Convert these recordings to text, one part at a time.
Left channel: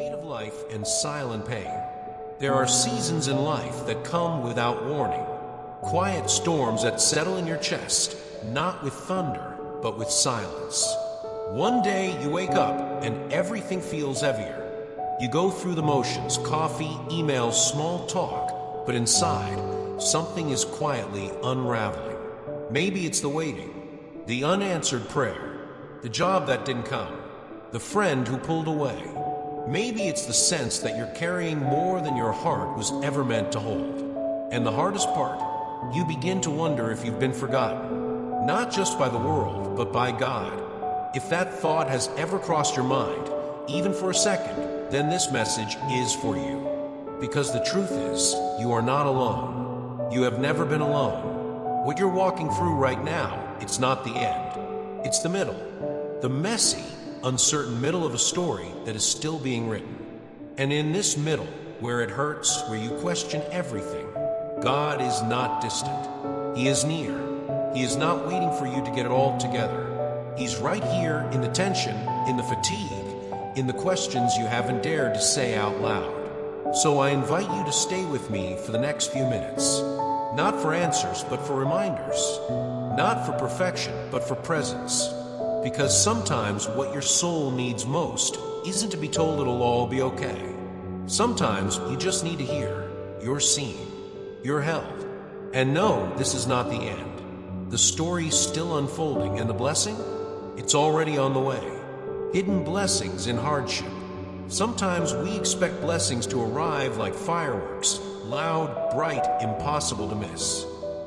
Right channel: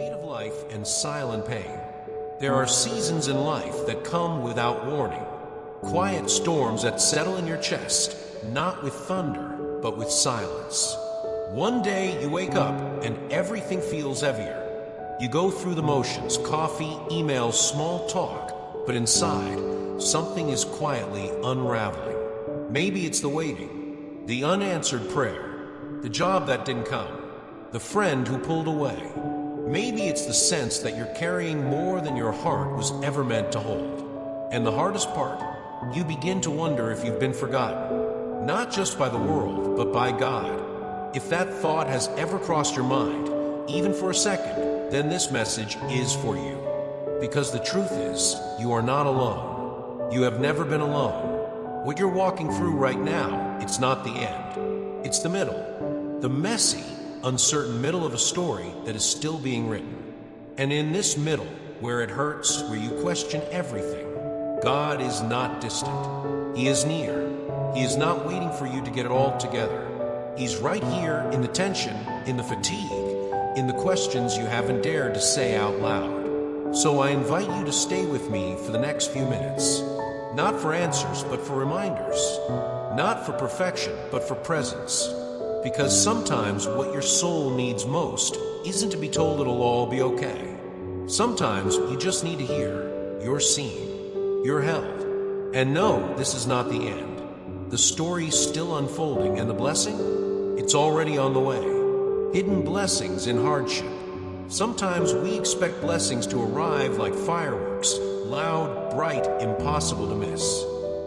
weight of life and silent pain. There are seasons in life that come without warning. Quiet storms that settle in your chest, not with thunder, but with silence. One day you wake up and everything feels heavier. You go through the motions, coffee, emails, small talk, but inside, something is quietly unraveling. Maybe it's the waiting, the unanswered prayer, the job that didn't come, the friend who pulled away. Maybe it's the sense that you're carrying more than your heart was ever meant to hold. And the hardest part, you begin to wonder if you've been forgotten, not just by the world, but by God. If that thought has ever crossed your mind, even for a second, then this message is for you. Because the truth is, you are not alone. You have never been alone. What you're walking through right now, it's not the end. It's the middle. The messy, uncertain middle of a story that is still being written. And in this middle, where it hurts, where you question everything, God is not distant. He is near. He is not waiting for you to get it all together. He's right here in the tension, in the fatigue, in the questions you haven't dared to say out loud. So I invite you to stay with me for the next few minutes. Not for answers, but for reminders. Not for perfection, but for presence. Because sometimes what your soul needs most isn't to be told it'll all be okay. Sometimes you just need to hear, you're seen, you're held. And no, this is not the end. The story's still unfolding, and the blessing? It's already on the way. Hidden blessings in hardship. Sometimes we expect blessings to arrive like fireworks, loud, bright, impossible to miss.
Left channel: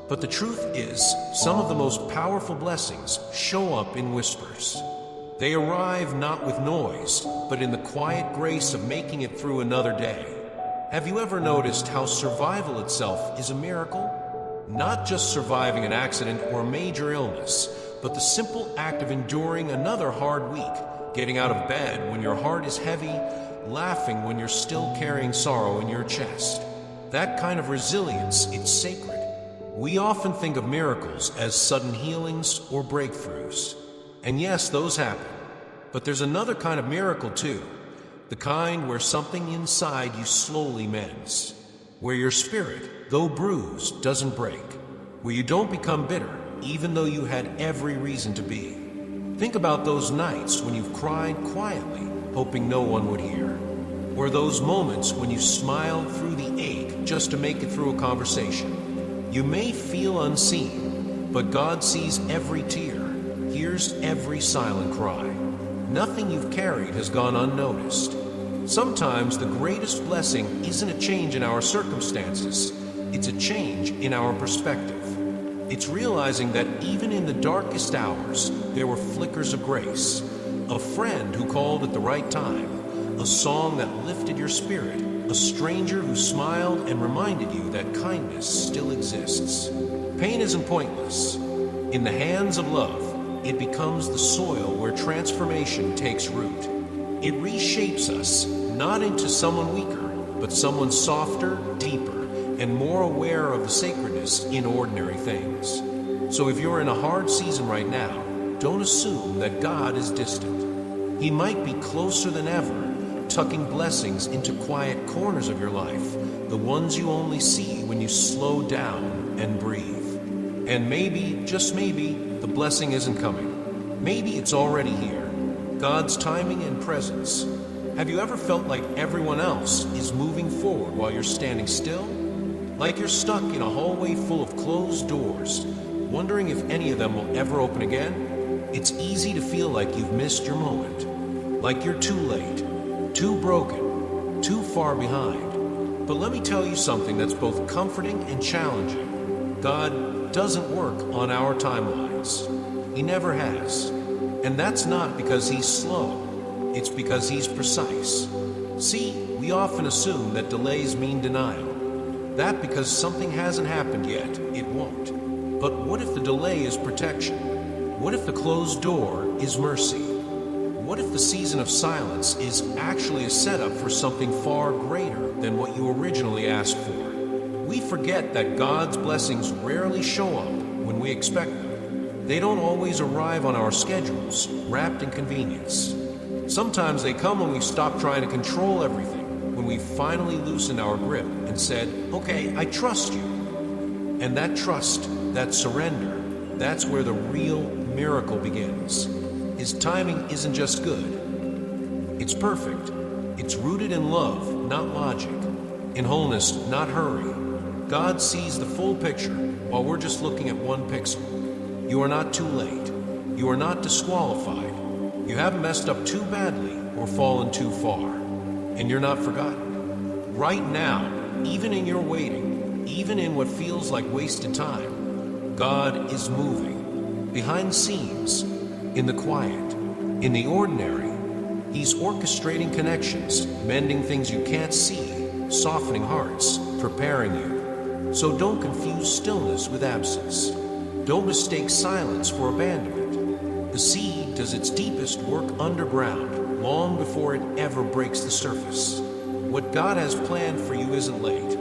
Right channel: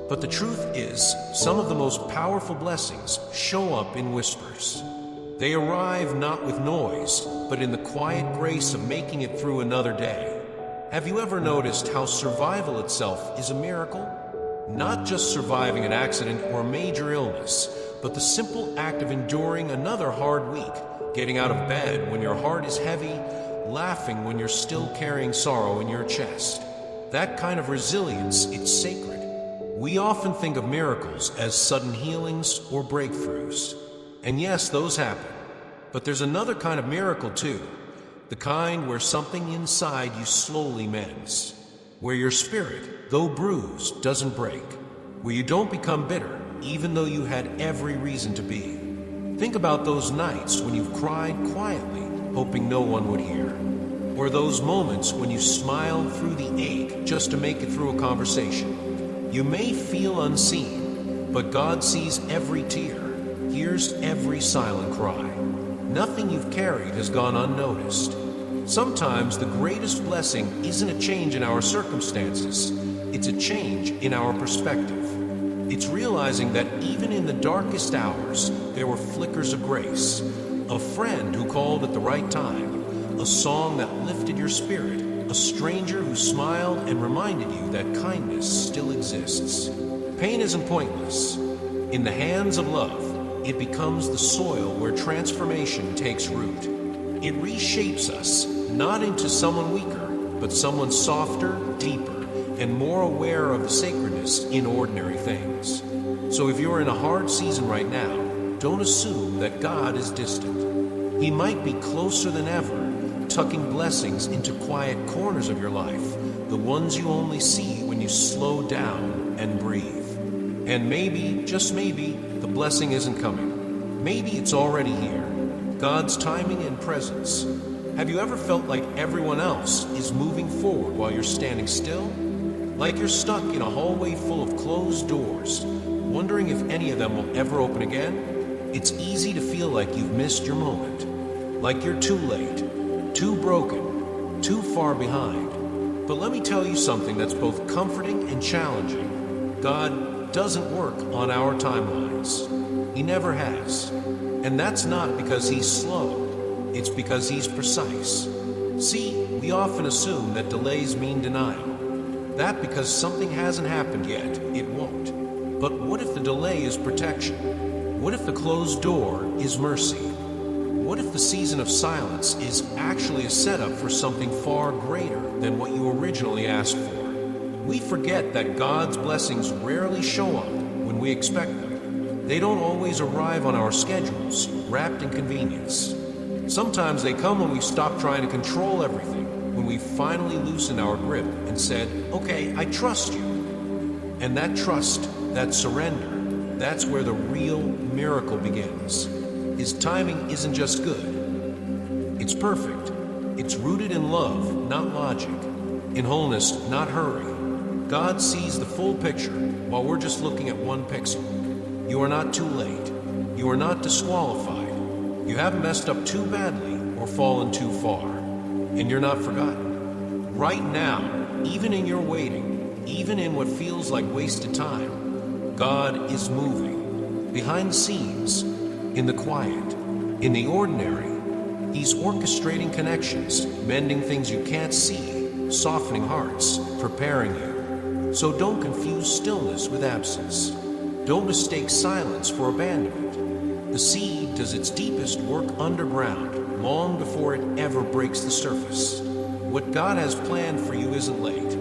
But the truth is, some of the most powerful blessings show up in whispers. They arrive not with noise, but in the quiet grace of making it through another day. Have you ever noticed how survival itself is a miracle? Not just surviving an accident or a major illness, but the simple act of enduring another hard week, getting out of bed when your heart is heavy, laughing when you're still carrying sorrow in your chest. That kind of resilience, it's sacred. We often think of miracles as sudden healings or breakthroughs. And yes, those happen. But there's another kind of miracle too. The kind where something inside you slowly mends. Where your spirit, though bruised, doesn't break. Where you don't become bitter, even though you had every reason to be. Think about those nights when you've cried quietly, hoping no one would hear. Or those moments when you smiled through the ache just to make it through a conversation. You may feel unseen, but God sees every tear, hears every silent cry. Nothing you've carried has gone unnoticed. Sometimes the greatest blessing isn't a change in our circumstances, it's a change in our perspective. It's realizing that even in the darkest hours, there were flickers of grace. A friend who called at the right time, a song that lifted your spirit, a stranger who smiled and reminded you that kindness still exists. Pain isn't pointless. In the hands of love, it becomes the soil where transformation takes root. It reshapes us, not into someone weaker, but someone softer, deeper, and more aware of the sacredness in ordinary things. So if you're in a hard season right now, don't assume that God is distant. He might be closer than ever, tucking blessings into quiet corners of your life, the ones you only see when you slow down and breathe. And maybe, just maybe, the blessing isn't coming. Maybe it's already here. God's timing and presence. Have you ever felt like everyone else is moving forward while you're standing still? Like you're stuck in a hallway full of closed doors, wondering if any of them will ever open again? It's easy to feel like you've missed your moment. Like you're too late. Too broken, too far behind. But let me tell you something that's both comforting and challenging. God doesn't work on our timelines. He never has. And that's not because he's slow. It's because he's precise. See, we often assume that delays mean denial. That because something hasn't happened yet, it won't. But what if the delay is protection? What if the closed door is mercy? What if the season of silence is actually a setup for something far greater than what you originally asked for? We forget that God's blessings rarely show up when we expect them. They don't always arrive on our schedules, wrapped in convenience. Sometimes they come when we stop trying to control everything, when we finally loosened our grip and said, okay, I trust you. And that trust, that surrender, that's where the real miracle begins. His timing isn't just good. It's perfect. It's rooted in love, not logic. In wholeness, not hurry. God sees the full picture while we're just looking at one pixel. You are not too late. You are not disqualified. You haven't messed up too badly or fallen too far. And you're not forgotten. Right now, even in your waiting, even in what feels like wasted time, God is moving. Behind the scenes, in the quiet, in the ordinary, He's orchestrating connections, mending things you can't see, softening hearts, preparing you. So don't confuse stillness with absence. Don't mistake silence for abandonment. The seed does its deepest work underground, long before it ever breaks the surface. What God has planned for you isn't late.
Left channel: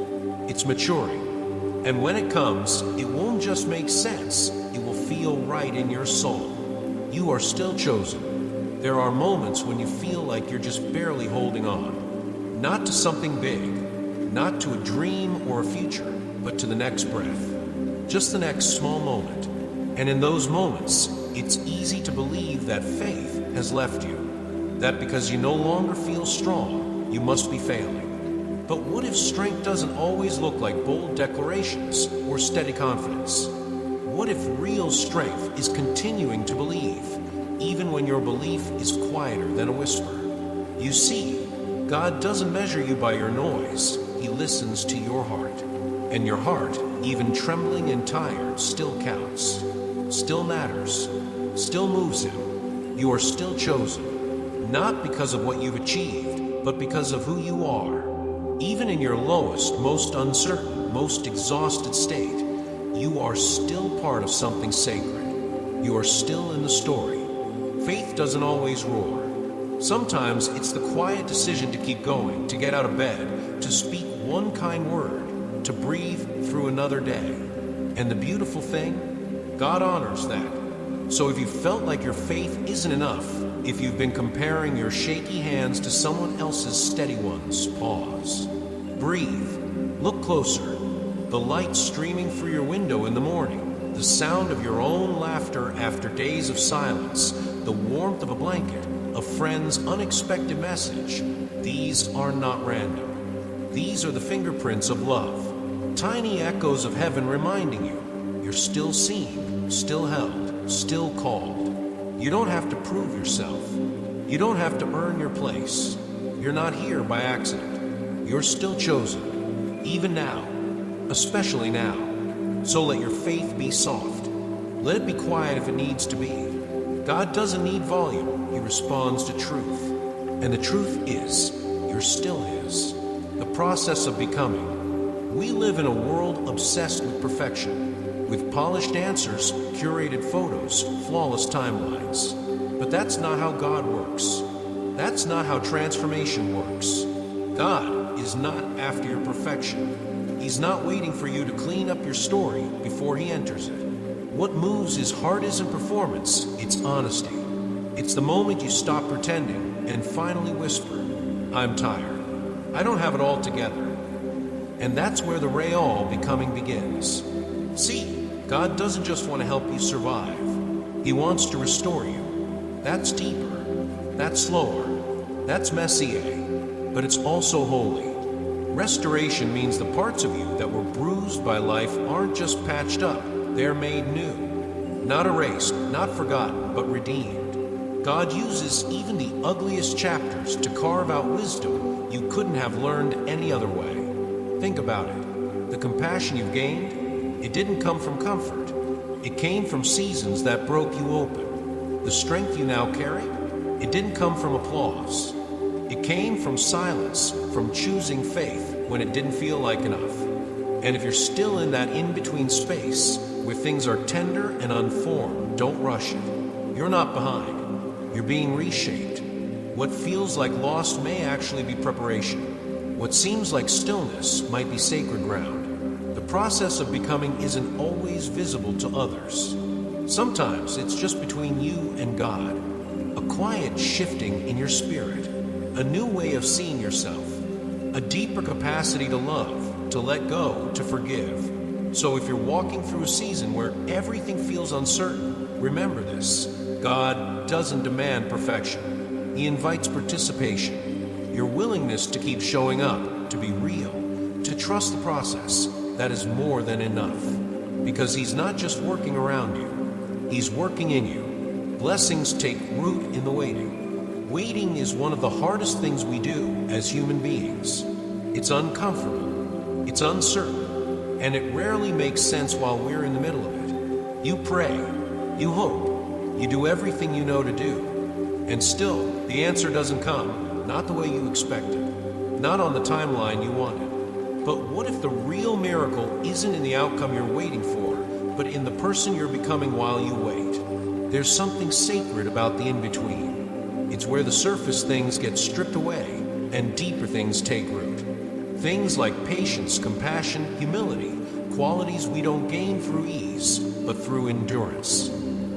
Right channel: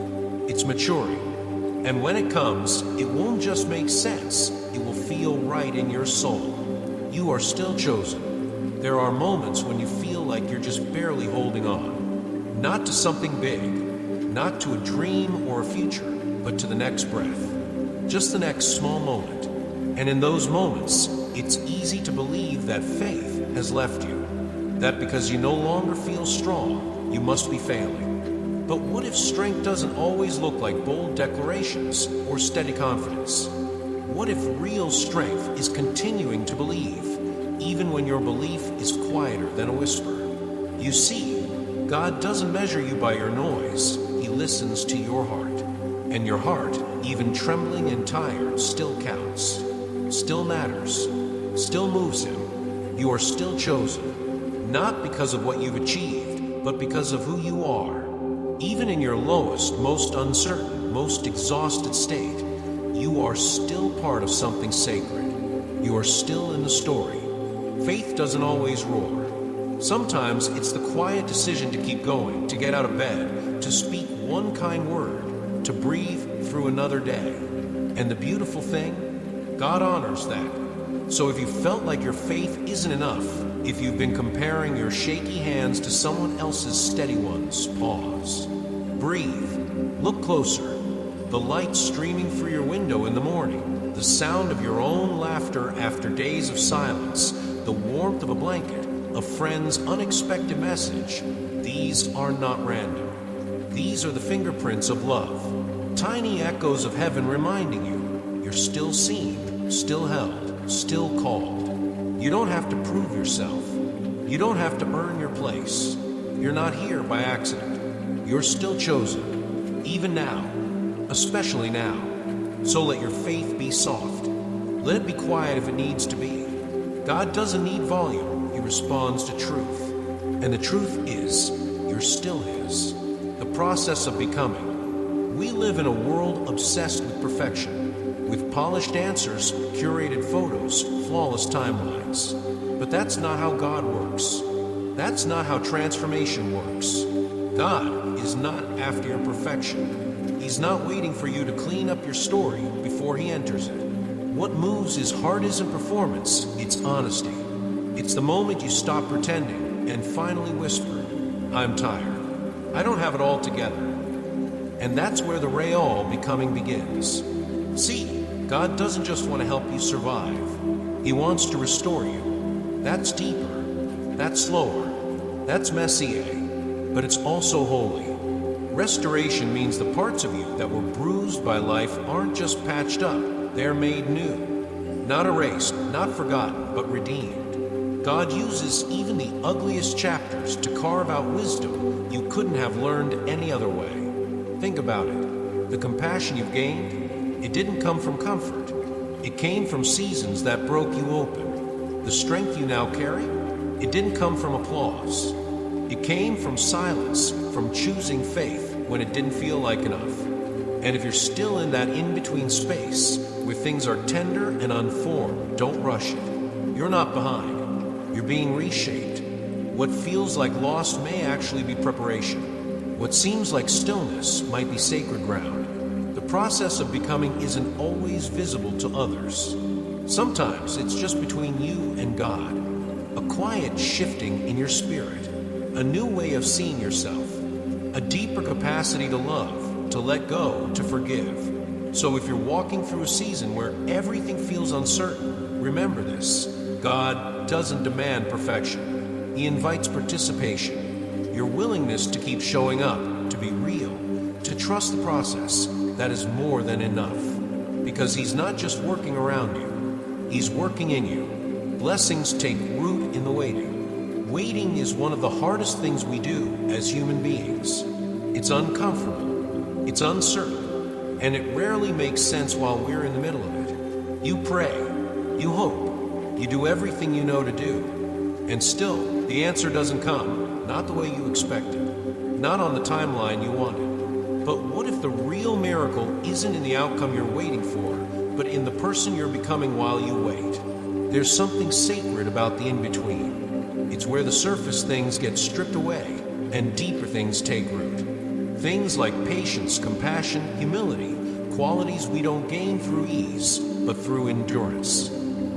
It's maturing. And when it comes, it won't just make sense. It will feel right in your soul. You are still chosen. There are moments when you feel like you're just barely holding on. Not to something big, not to a dream or a future, but to the next breath. Just the next small moment. And in those moments, it's easy to believe that faith has left you. That because you no longer feel strong, you must be failing. But what if strength doesn't always look like bold declarations or steady confidence? What if real strength is continuing to believe, even when your belief is quieter than a whisper? You see, God doesn't measure you by your noise. He listens to your heart. And your heart, even trembling and tired, still counts, still matters, still moves Him. You are still chosen, not because of what you've achieved, but because of who you are. Even in your lowest, most uncertain, most exhausted state, you are still part of something sacred. You are still in the story. Faith doesn't always roar. Sometimes it's the quiet decision to keep going, to get out of bed, to speak one kind word, to breathe through another day. And the beautiful thing, God honors that. So if you felt like your faith isn't enough, if you've been comparing your shaky hands to someone else's steady ones, pause. Breathe. Look closer. The light streaming through your window in the morning, the sound of your own laughter after days of silence, the warmth of a blanket, a friend's unexpected message. These are not random. These are the fingerprints of love. Tiny echoes of heaven reminding you, you're still seen, still held, still called. You don't have to prove yourself. You don't have to earn your place. You're not here by accident. You're still chosen, even now, especially now. So let your faith be soft. Let it be quiet if it needs to be. God doesn't need volume. He responds to truth. And the truth is, you're still His. The process of becoming. We live in a world obsessed with perfection, with polished answers, curated photos, flawless timelines. But that's not how God works. That's not how transformation works. God is not after your perfection. He's not waiting for you to clean up your story before He enters it. What moves His heart isn't performance, it's honesty. It's the moment you stop pretending and finally whisper, I'm tired. I don't have it all together. And that's where the Real becoming begins. See, God doesn't just want to help you survive. He wants to restore you. That's deeper. That's slower. That's messier. But it's also holy. Restoration means the parts of you that were bruised by life aren't just patched up. They're made new. Not erased, not forgotten, but redeemed. God uses even the ugliest chapters to carve out wisdom you couldn't have learned any other way. Think about it. The compassion you've gained, it didn't come from comfort. It came from seasons that broke you open. The strength you now carry, it didn't come from applause. It came from silence, from choosing faith when it didn't feel like enough. And if you're still in that in-between space, where things are tender and unformed, don't rush it. You're not behind. You're being reshaped. What feels like loss may actually be preparation. What seems like stillness might be sacred ground. The process of becoming isn't always visible to others. Sometimes it's just between you and God. a quiet shifting in your spirit, a new way of seeing yourself, a deeper capacity to love, to let go, to forgive. So if you're walking through a season where everything feels uncertain, remember this: God doesn't demand perfection. He invites participation, your willingness to keep showing up, to be real, to trust the process. That is more than enough. Because He's not just working around you, He's working in you. Blessings take root in the waiting. Waiting is one of the hardest things we do as human beings. It's uncomfortable, it's uncertain, and it rarely makes sense while we're in the middle of it. You pray, you hope, you do everything you know to do, and still the answer doesn't come, not the way you expected, not on the timeline you wanted. But what if the real miracle isn't in the outcome you're waiting for, but in the person you're becoming while you wait? There's something sacred about the in-between. It's where the surface things get stripped away and deeper things take root. Things like patience, compassion, humility, qualities we don't gain through ease, but through endurance.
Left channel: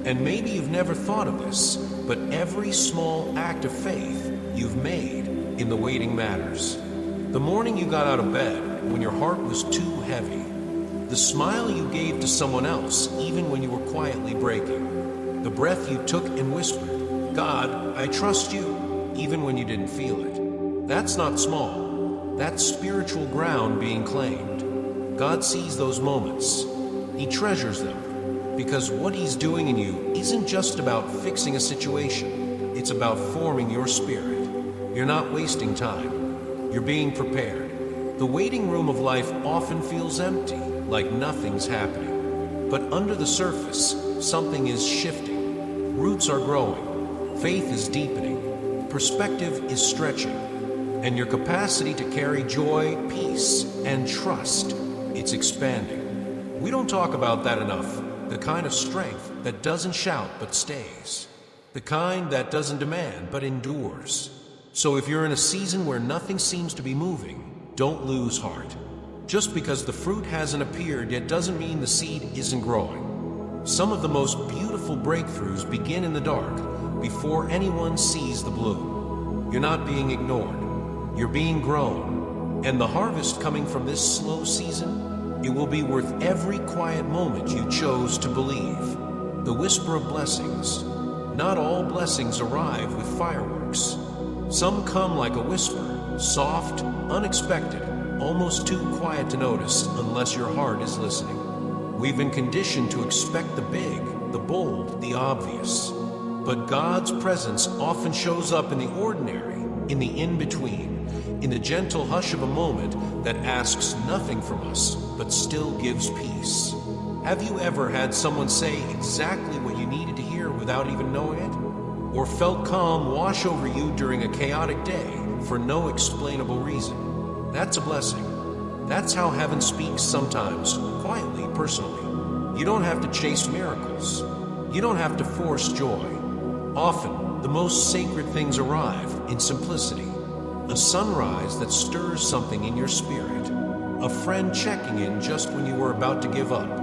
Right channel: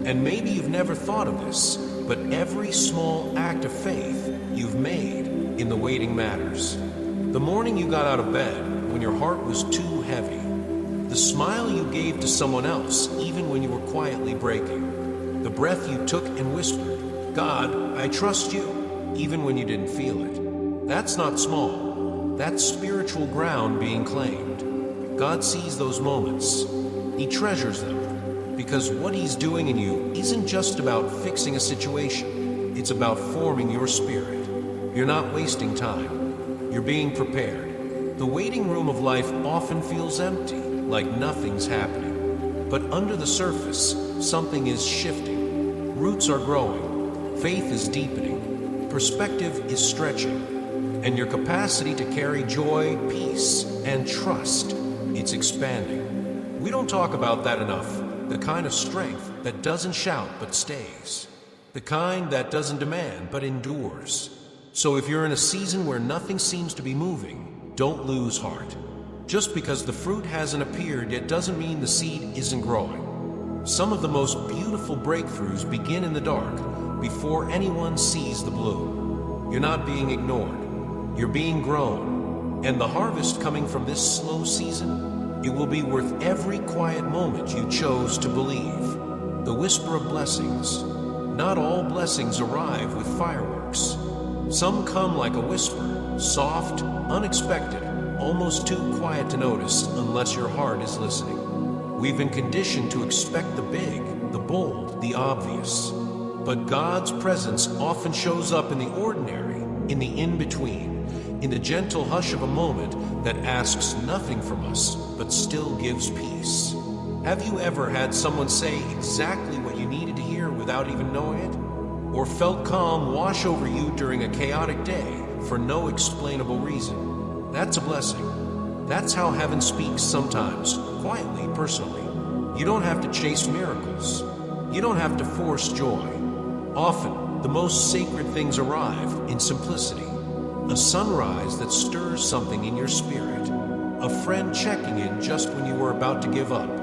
And maybe you've never thought of this, but every small act of faith you've made in the waiting matters. The morning you got out of bed when your heart was too heavy. The smile you gave to someone else even when you were quietly breaking. The breath you took and whispered, "God, I trust you," even when you didn't feel it. That's not small. That's spiritual ground being claimed. God sees those moments. He treasures them, because what He's doing in you isn't just about fixing a situation. It's about forming your spirit. You're not wasting time. You're being prepared. The waiting room of life often feels empty, like nothing's happening. But under the surface, something is shifting. Roots are growing. Faith is deepening. Perspective is stretching. And your capacity to carry joy, peace, and trust, it's expanding. We don't talk about that enough. The kind of strength that doesn't shout but stays. The kind that doesn't demand but endures. So if you're in a season where nothing seems to be moving, don't lose heart. Just because the fruit hasn't appeared yet doesn't mean the seed isn't growing. Some of the most beautiful breakthroughs begin in the dark, before anyone sees the bloom. You're not being ignored. You're being grown. And the harvest coming from this slow season, it will be worth every quiet moment you chose to believe. The whisper of blessings. Not all blessings arrive with fireworks. Some come like a whisper, soft, unexpected, almost too quiet to notice unless your heart is listening. We've been conditioned to expect the big, the bold, the obvious. But God's presence often shows up in the ordinary, in the in-between, in the gentle hush of a moment that asks nothing from us, but still gives peace. Have you ever had someone say exactly what you needed to hear without even knowing it? Or felt calm wash over you during a chaotic day for no explainable reason? That's a blessing. That's how heaven speaks sometimes, quietly, personally. You don't have to chase miracles. You don't have to force joy. Often, the most sacred things arrive in simplicity. A sunrise that stirs something in your spirit. A friend checking in just when you were about to give up.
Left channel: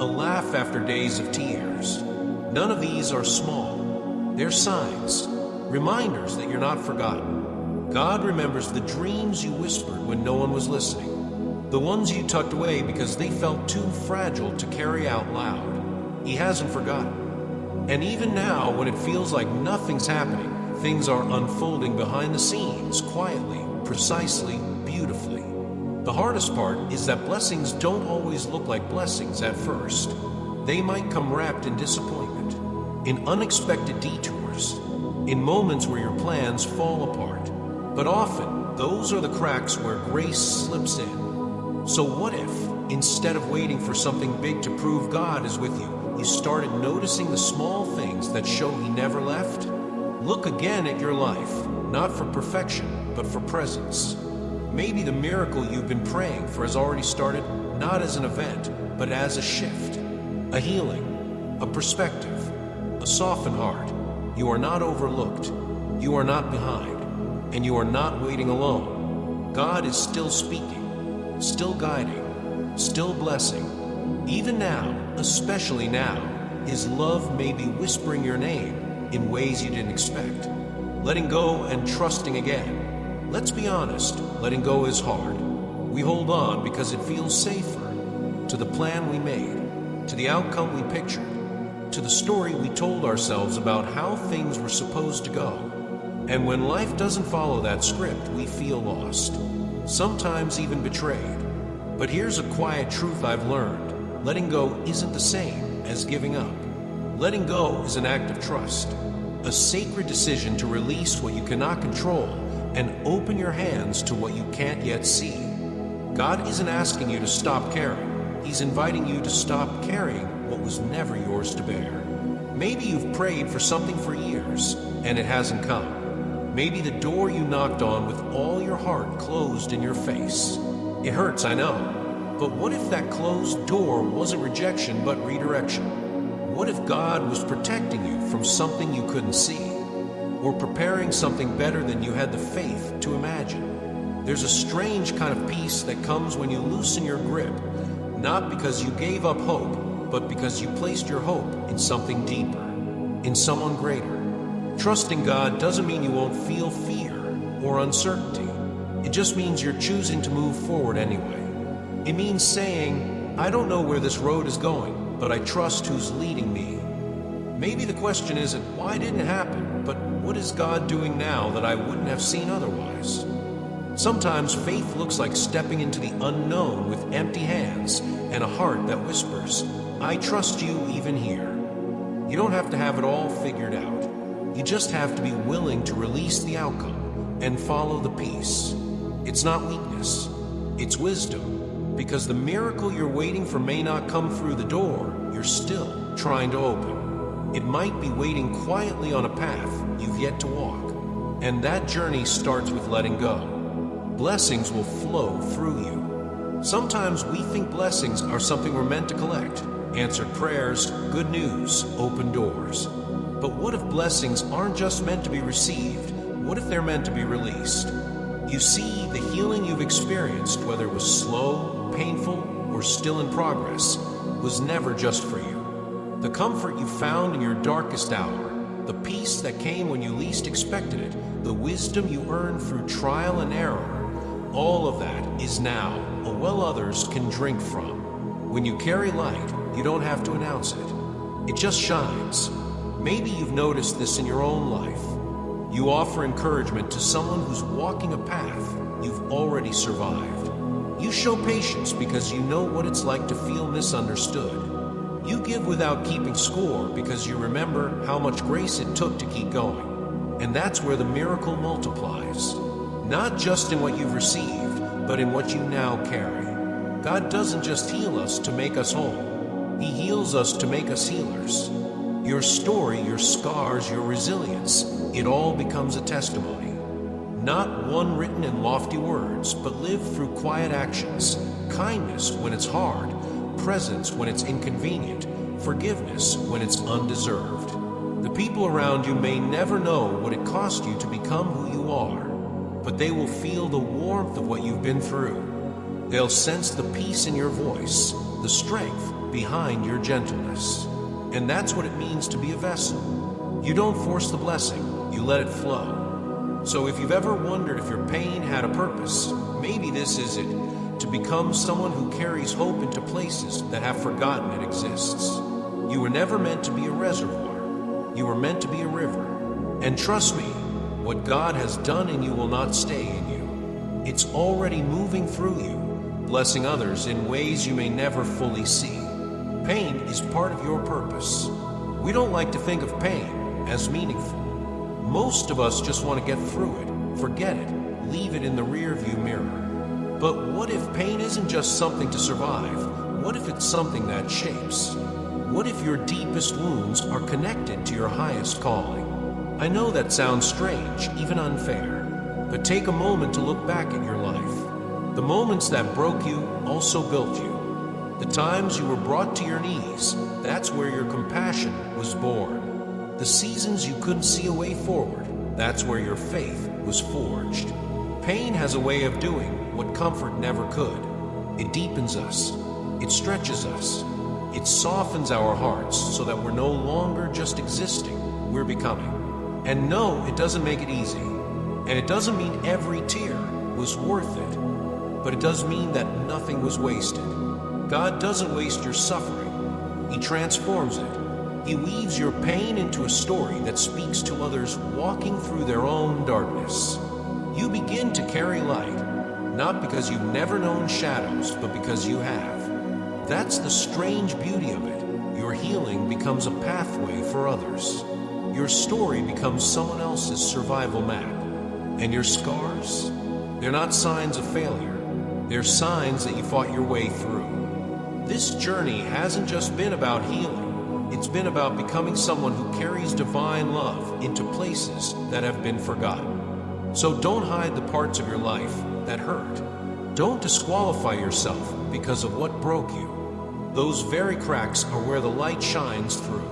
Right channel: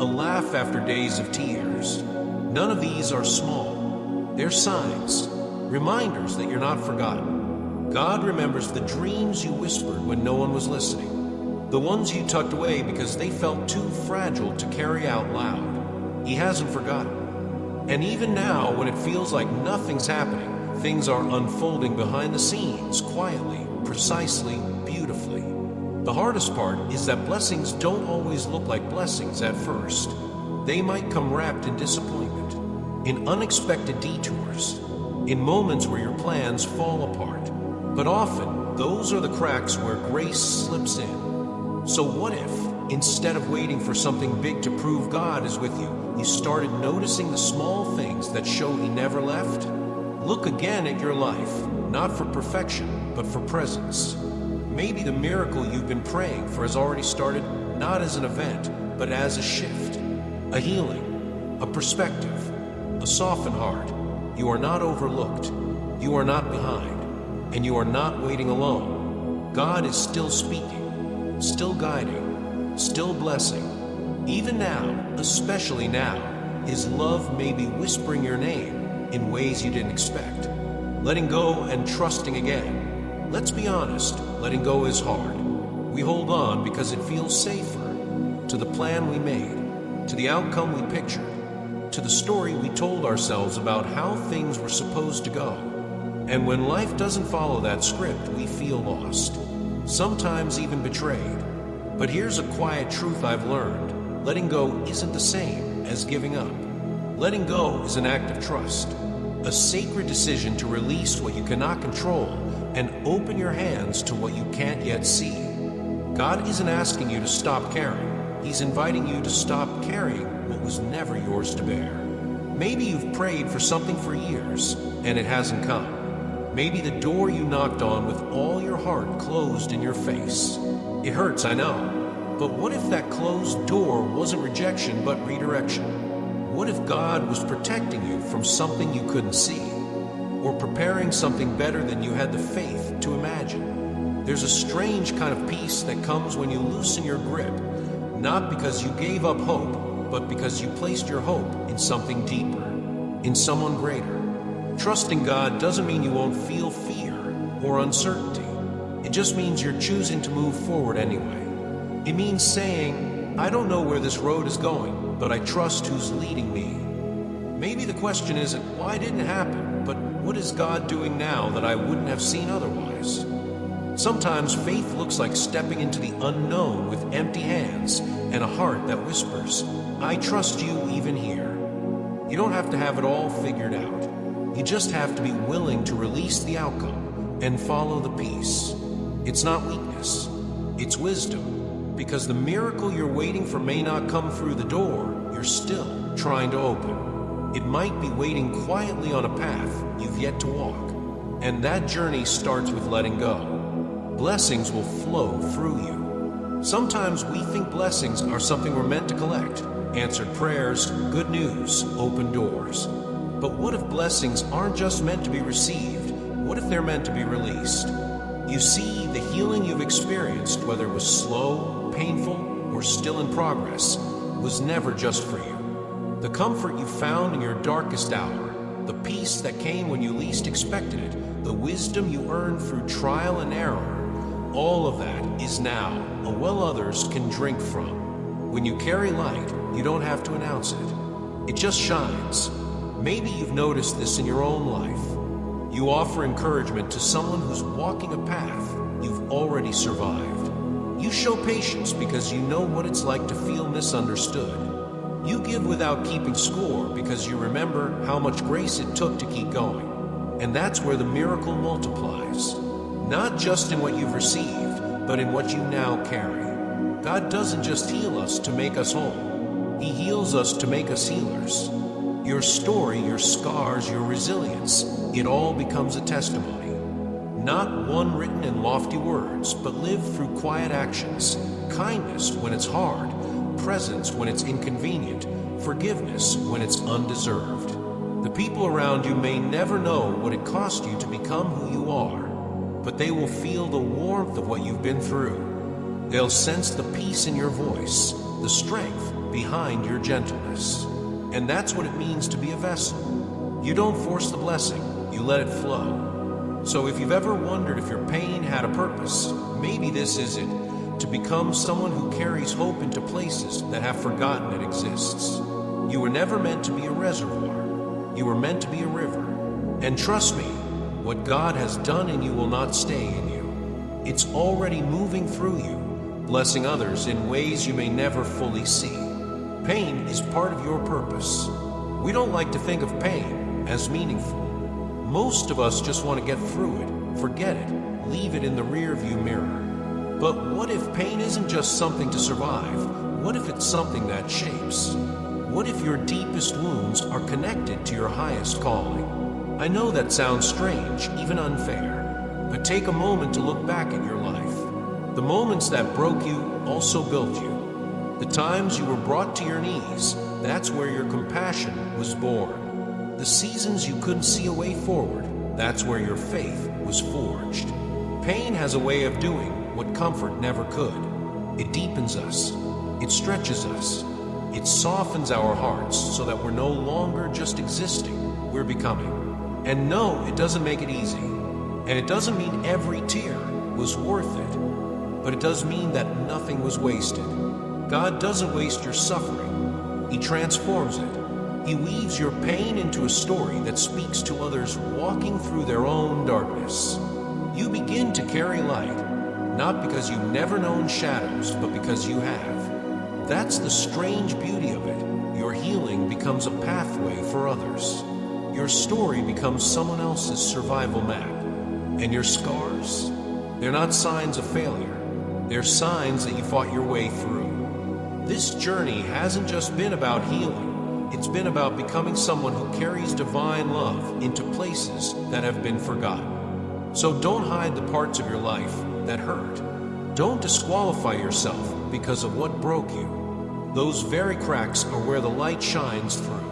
A laugh after days of tears. None of these are small. They're signs, reminders that you're not forgotten. God remembers the dreams you whispered when no one was listening. The ones you tucked away because they felt too fragile to carry out loud. He hasn't forgotten. And even now, when it feels like nothing's happening, things are unfolding behind the scenes, quietly, precisely, beautifully. The hardest part is that blessings don't always look like blessings at first. They might come wrapped in disappointment, in unexpected detours, in moments where your plans fall apart. But often, those are the cracks where grace slips in. So what if, instead of waiting for something big to prove God is with you, you started noticing the small things that show He never left? Look again at your life, not for perfection, but for presence. Maybe the miracle you've been praying for has already started, not as an event, but as a shift, a healing, a perspective, a softened heart. You are not overlooked. You are not behind. And you are not waiting alone. God is still speaking, still guiding, still blessing. Even now, especially now, His love may be whispering your name, in ways you didn't expect. Letting go and trusting again. Let's be honest, letting go is hard. We hold on because it feels safer. To the plan we made, to the outcome we pictured, to the story we told ourselves about how things were supposed to go. And when life doesn't follow that script, we feel lost, sometimes even betrayed. But here's a quiet truth I've learned. Letting go isn't the same as giving up. Letting go is an act of trust, a sacred decision to release what you cannot control and open your hands to what you can't yet see. God isn't asking you to stop caring. He's inviting you to stop carrying what was never yours to bear. Maybe you've prayed for something for years and it hasn't come. Maybe the door you knocked on with all your heart closed in your face. It hurts, I know. But what if that closed door wasn't rejection but redirection? What if God was protecting you from something you couldn't see, or preparing something better than you had the faith to imagine? There's a strange kind of peace that comes when you loosen your grip, not because you gave up hope, but because you placed your hope in something deeper, in someone greater. Trusting God doesn't mean you won't feel fear or uncertainty. It just means you're choosing to move forward anyway. It means saying, I don't know where this road is going, but I trust who's leading me. Maybe the question isn't, why didn't it happen, but what is God doing now that I wouldn't have seen otherwise? Sometimes faith looks like stepping into the unknown with empty hands and a heart that whispers, I trust you even here. You don't have to have it all figured out. You just have to be willing to release the outcome and follow the peace. It's not weakness, it's wisdom, because the miracle you're waiting for may not come through the door you're still trying to open. It might be waiting quietly on a path you've yet to walk, and that journey starts with letting go. Blessings will flow through you. Sometimes we think blessings are something we're meant to collect. Answered prayers, good news, open doors. But what if blessings aren't just meant to be received? What if they're meant to be released? You see, the healing you've experienced, whether it was slow, painful, or still in progress, was never just for you. The comfort you found in your darkest hour, the peace that came when you least expected it, the wisdom you earned through trial and error, all of that is now a well others can drink from. When you carry light, you don't have to announce it. It just shines. Maybe you've noticed this in your own life. You offer encouragement to someone who's walking a path you've already survived. You show patience because you know what it's like to feel misunderstood. You give without keeping score because you remember how much grace it took to keep going. And that's where the miracle multiplies. Not just in what you've received, but in what you now carry. God doesn't just heal us to make us whole. He heals us to make us healers. Your story, your scars, your resilience, it all becomes a testimony. Not one written in lofty words, but lived through quiet actions. Kindness when it's hard, presence when it's inconvenient, forgiveness when it's undeserved. The people around you may never know what it cost you to become who you are, but they will feel the warmth of what you've been through. They'll sense the peace in your voice, the strength behind your gentleness. And that's what it means to be a vessel. You don't force the blessing, you let it flow. So if you've ever wondered if your pain had a purpose, maybe this is it, to become someone who carries hope into places that have forgotten it exists. You were never meant to be a reservoir. You were meant to be a river. And trust me, what God has done in you will not stay in you. It's already moving through you, blessing others in ways you may never fully see. Pain is part of your purpose. We don't like to think of pain as meaningful. Most of us just want to get through it, forget it, leave it in the rearview mirror. But what if pain isn't just something to survive? What if it's something that shapes? What if your deepest wounds are connected to your highest calling? I know that sounds strange, even unfair, but take a moment to look back at your life. The moments that broke you also built you. The times you were brought to your knees, that's where your compassion was born. The seasons you couldn't see a way forward, that's where your faith was forged. Pain has a way of doing what comfort never could. It deepens us. It stretches us. It softens our hearts so that we're no longer just existing, we're becoming. And no, it doesn't make it easy. And it doesn't mean every tear was worth it. But it does mean that nothing was wasted. God doesn't waste your suffering. He transforms it. He weaves your pain into a story that speaks to others walking through their own darkness. You begin to carry light, not because you've never known shadows, but because you have. That's the strange beauty of it. Your healing becomes a pathway for others. Your story becomes someone else's survival map. And your scars? They're not signs of failure. They're signs that you fought your way through. This journey hasn't just been about healing. It's been about becoming someone who carries divine love into places that have been forgotten. So don't hide the parts of your life that hurt. Don't disqualify yourself because of what broke you. Those very cracks are where the light shines through.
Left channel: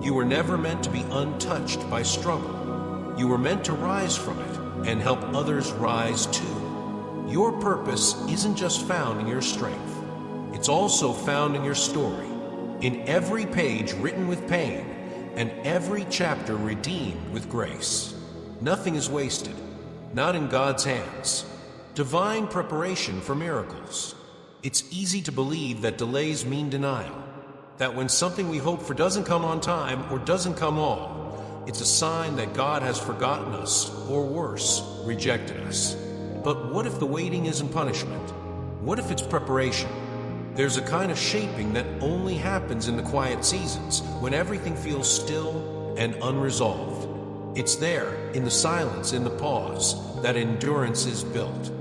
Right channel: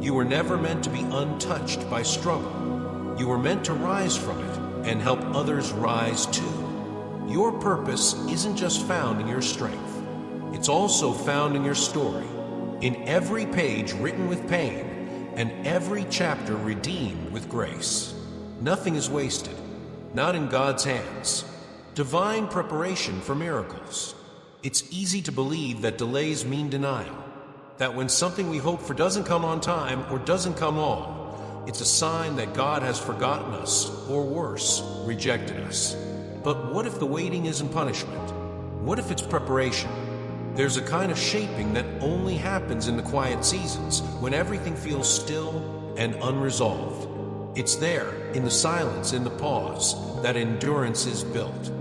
You were never meant to be untouched by struggle. You were meant to rise from it and help others rise too. Your purpose isn't just found in your strength. It's also found in your story. In every page written with pain, and every chapter redeemed with grace. Nothing is wasted, not in God's hands. Divine preparation for miracles. It's easy to believe that delays mean denial, that when something we hope for doesn't come on time or doesn't come all, it's a sign that God has forgotten us, or worse, rejected us. But what if the waiting isn't punishment? What if it's preparation? There's a kind of shaping that only happens in the quiet seasons, when everything feels still and unresolved. It's there, in the silence, in the pause, that endurance is built.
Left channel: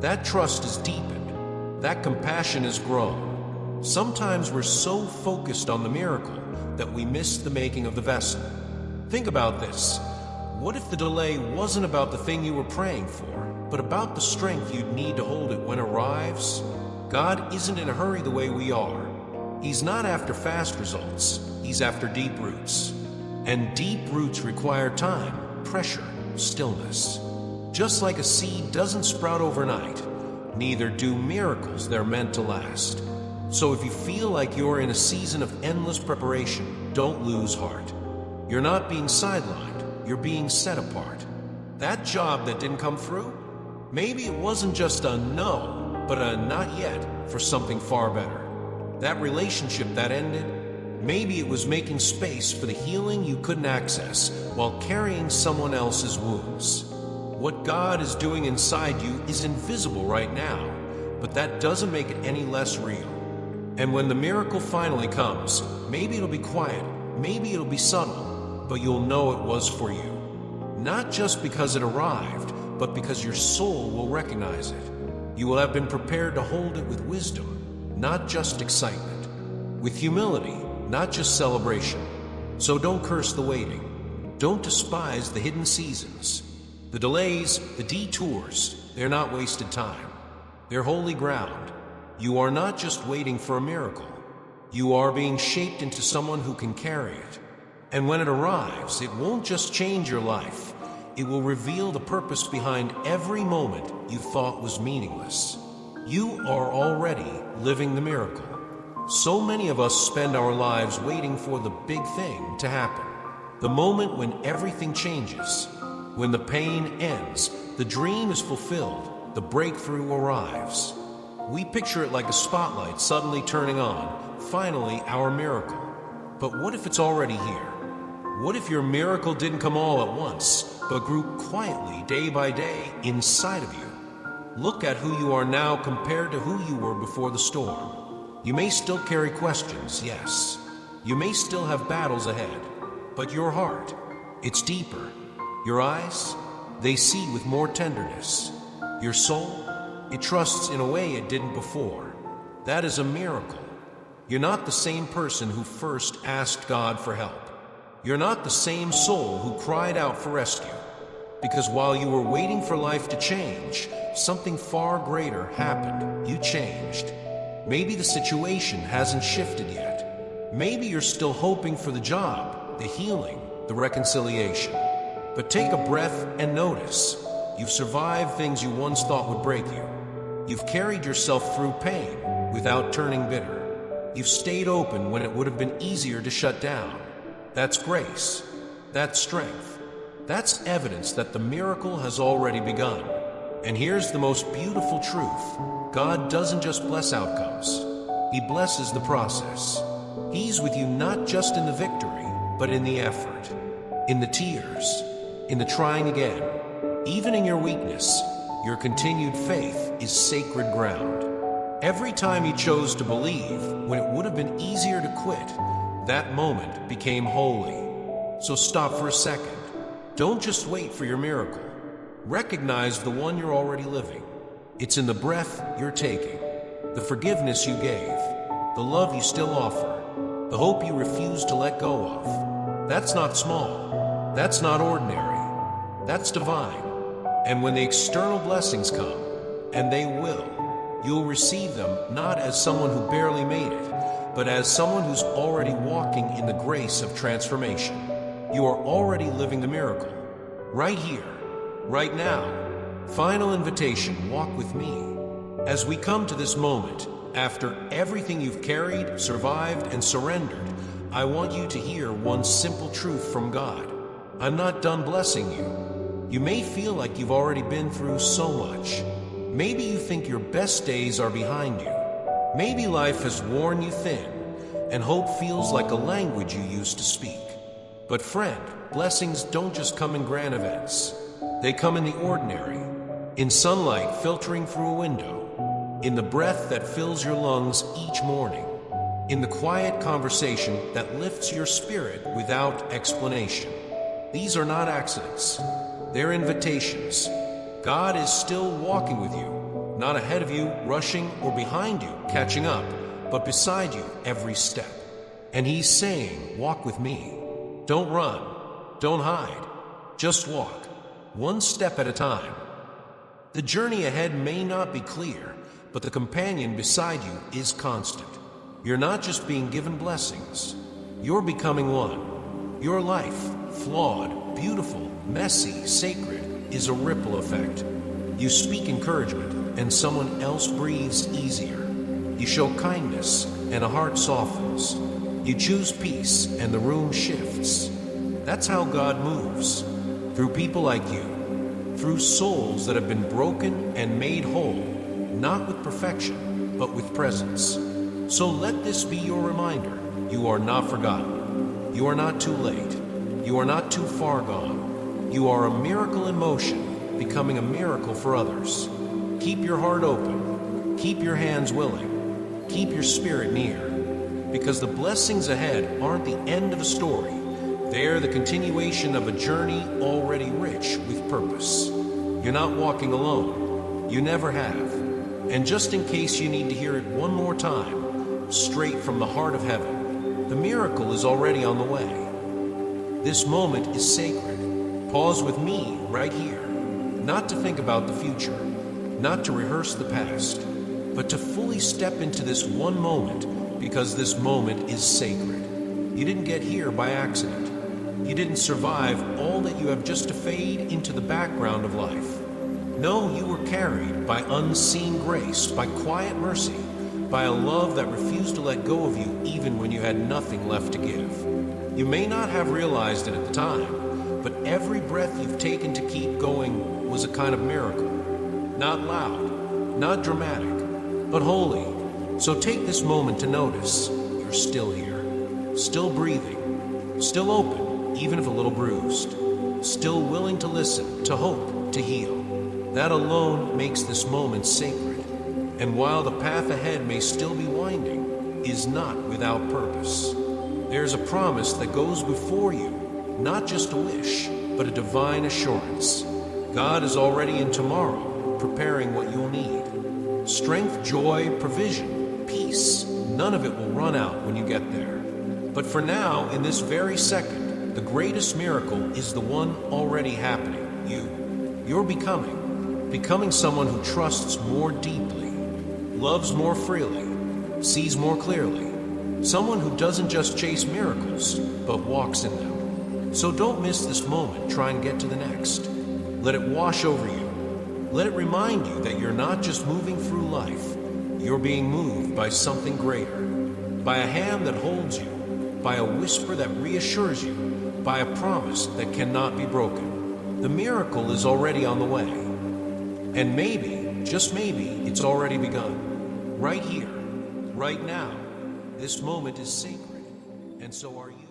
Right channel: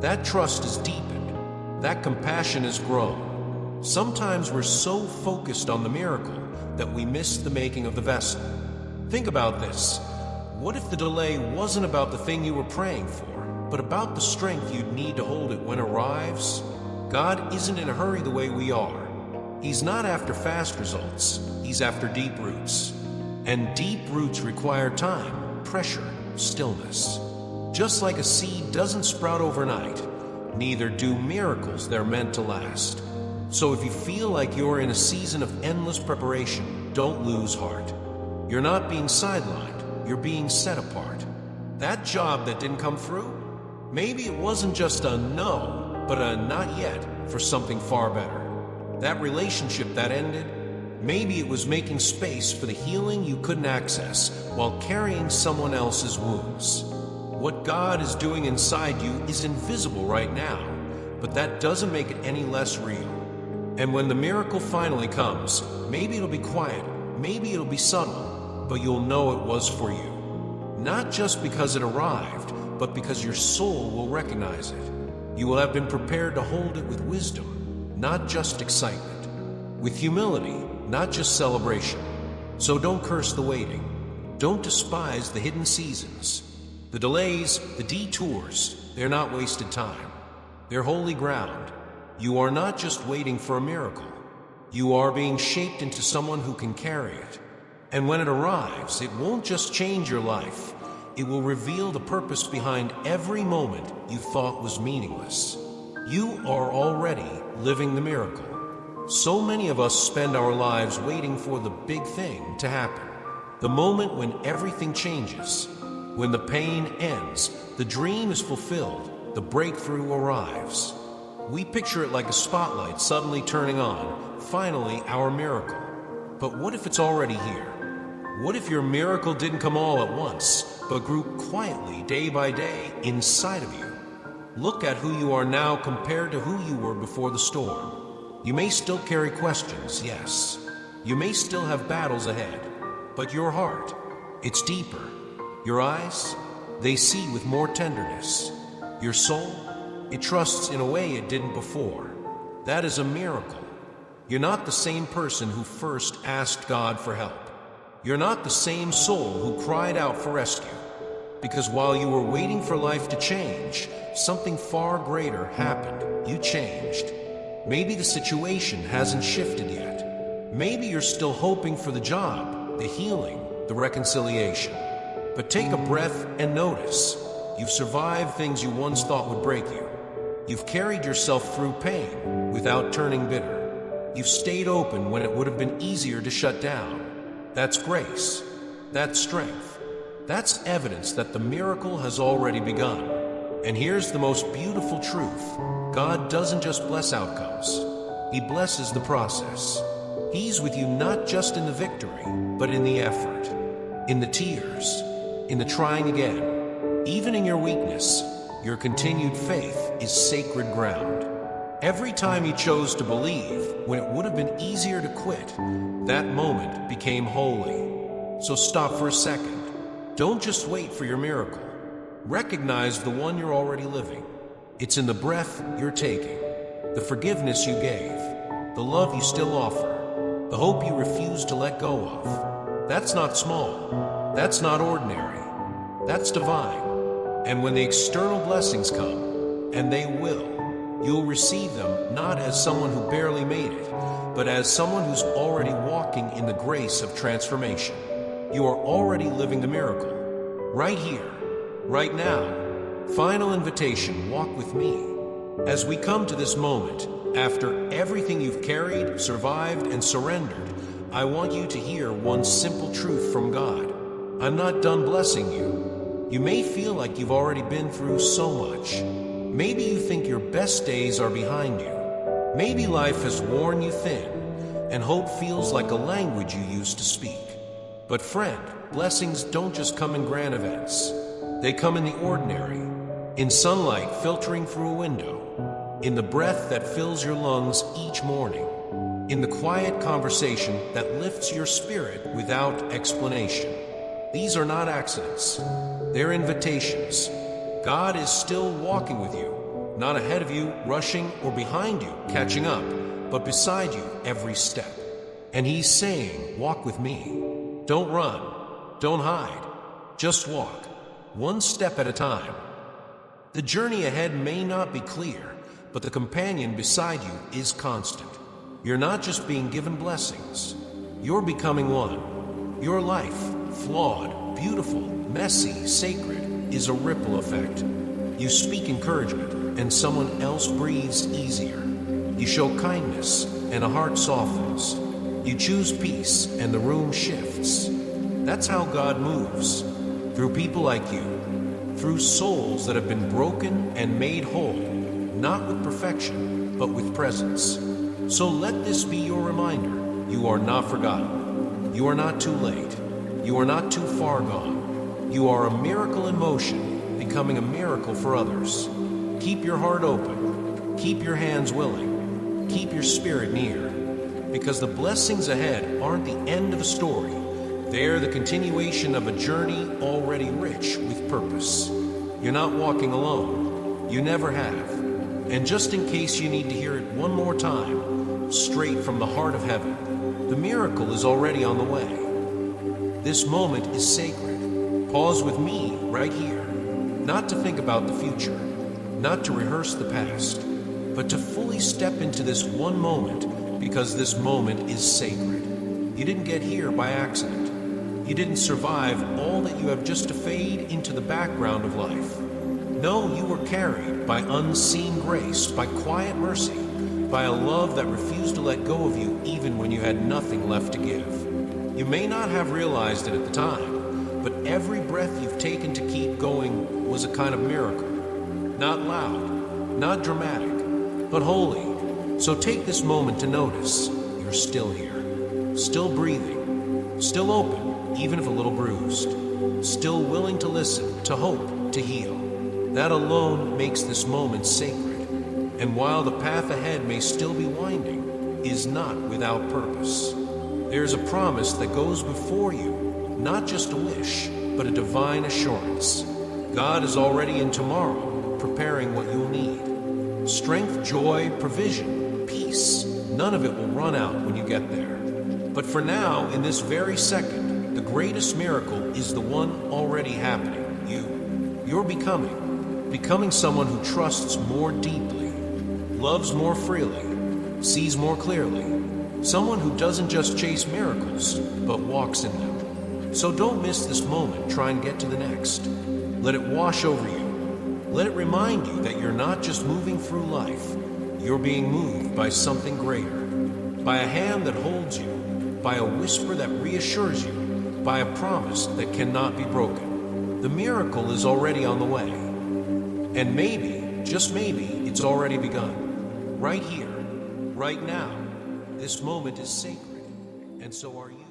That trust is deepened. That compassion is grown. Sometimes we're so focused on the miracle that we miss the making of the vessel. Think about this. What if the delay wasn't about the thing you were praying for, but about the strength you'd need to hold it when it arrives? God isn't in a hurry the way we are. He's not after fast results. He's after deep roots. And deep roots require time, pressure, stillness. Just like a seed doesn't sprout overnight, neither do miracles they're meant to last. So if you feel like you're in a season of endless preparation, don't lose heart. You're not being sidelined, you're being set apart. That job that didn't come through? Maybe it wasn't just a no, but a not yet for something far better. That relationship that ended, maybe it was making space for the healing you couldn't access while carrying someone else's wounds. What God is doing inside you is invisible right now, but that doesn't make it any less real. And when the miracle finally comes, maybe it'll be quiet, maybe it'll be subtle, but you'll know it was for you. Not just because it arrived, but because your soul will recognize it. You will have been prepared to hold it with wisdom, not just excitement. With humility, not just celebration. So don't curse the waiting. Don't despise the hidden seasons. The delays, the detours, they're not wasted time. They're holy ground. You are not just waiting for a miracle. You are being shaped into someone who can carry it. And when it arrives, it won't just change your life. It will reveal the purpose behind every moment you thought was meaningless. You are already living the miracle. So many of us spend our lives waiting for the big thing to happen. The moment when everything changes. When the pain ends, the dream is fulfilled, the breakthrough arrives. We picture it like a spotlight suddenly turning on, finally our miracle. But what if it's already here? What if your miracle didn't come all at once, but grew quietly day by day inside of you? Look at who you are now compared to who you were before the storm. You may still carry questions, yes. You may still have battles ahead, but your heart, it's deeper. Your eyes, they see with more tenderness. Your soul, it trusts in a way it didn't before. That is a miracle. You're not the same person who first asked God for help. You're not the same soul who cried out for rescue. Because while you were waiting for life to change, something far greater happened. You changed. Maybe the situation hasn't shifted yet. Maybe you're still hoping for the job, the healing, the reconciliation. But take a breath and notice. You've survived things you once thought would break you. You've carried yourself through pain without turning bitter. You've stayed open when it would have been easier to shut down. That's grace. that strength. That's evidence that the miracle has already begun. And here's the most beautiful truth. God doesn't just bless outcomes. He blesses the process. He's with you not just in the victory, but in the effort, in the tears, in the trying again. Even in your weakness, your continued faith is sacred ground. Every time you chose to believe when it would have been easier to quit, that moment became holy. So stop for a second. Don't just wait for your miracle. Recognize the one you're already living. It's in the breath you're taking, the forgiveness you gave, the love you still offer, the hope you refuse to let go of. That's not small. That's not ordinary. That's divine. And when the external blessings come, and they will, you'll receive them not as someone who barely made it, but as someone who's already walking in the grace of transformation. You are already living the miracle. Right here, right now. Final invitation, walk with me. As we come to this moment, after everything you've carried, survived, and surrendered, I want you to hear one simple truth from God. I'm not done blessing you. You may feel like you've already been through so much. Maybe you think your best days are behind you. Maybe life has worn you thin, and hope feels like a language you used to speak. But friend, blessings don't just come in grand events. They come in the ordinary, in sunlight filtering through a window, in the breath that fills your lungs each morning, in the quiet conversation that lifts your spirit without explanation. These are not accidents. They're invitations. God is still walking with you, not ahead of you, rushing, or behind you, catching up, but beside you every step. And He's saying, walk with me. Don't run. Don't hide. Just walk, one step at a time. The journey ahead may not be clear, but the companion beside you is constant. You're not just being given blessings. You're becoming one. Your life, flawed, beautiful, messy, sacred, is a ripple effect. You speak encouragement, and someone else breathes easier. You show kindness, and a heart softens. You choose peace, and the room shifts. That's how God moves. Through people like you. Through souls that have been broken and made whole. Not with perfection, but with presence. So let this be your reminder. You are not forgotten. You are not too late. You are not too far gone. You are a miracle in motion, becoming a miracle for others. Keep your heart open. Keep your hands willing. Keep your spirit near. Because the blessings ahead aren't the end of a story. They're the continuation of a journey already rich with purpose. You're not walking alone. You never have. And just in case you need to hear it one more time, straight from the heart of heaven, the miracle is already on the way. This moment is sacred. Pause with me right here, not to think about the future, not to rehearse the past, but to fully step into this one moment, because this moment is sacred. You didn't get here by accident. You didn't survive all that you have just to fade into the background of life. No, you were carried by unseen grace, by quiet mercy, by a love that refused to let go of you even when you had nothing left to give. You may not have realized it at the time, but every breath you've taken to keep going was a kind of miracle. Not loud, not dramatic, but holy. So take this moment to notice you're still here, still breathing, still open, even if a little bruised, still willing to listen, to hope, to heal. That alone makes this moment sacred. And while the path ahead may still be winding, is not without purpose. There's a promise that goes before you, not just a wish, but a divine assurance. God is already in tomorrow, preparing what you'll need. Strength, joy, provision, peace. None of it will run out when you get there. But for now, in this very second, the greatest miracle is the one already happening. You're becoming someone who trusts more deeply, loves more freely, sees more clearly. Someone who doesn't just chase miracles, but walks in them. So don't miss this moment. Try and get to the next. Let it wash over you. Let it remind you that you're not just moving through life. You're being moved by something greater. By a hand that holds you. By a whisper that reassures you. by a promise that cannot be broken. The miracle is already on the way. And maybe, just maybe, it's already begun. Right here, right now. This moment is sacred, and so are you.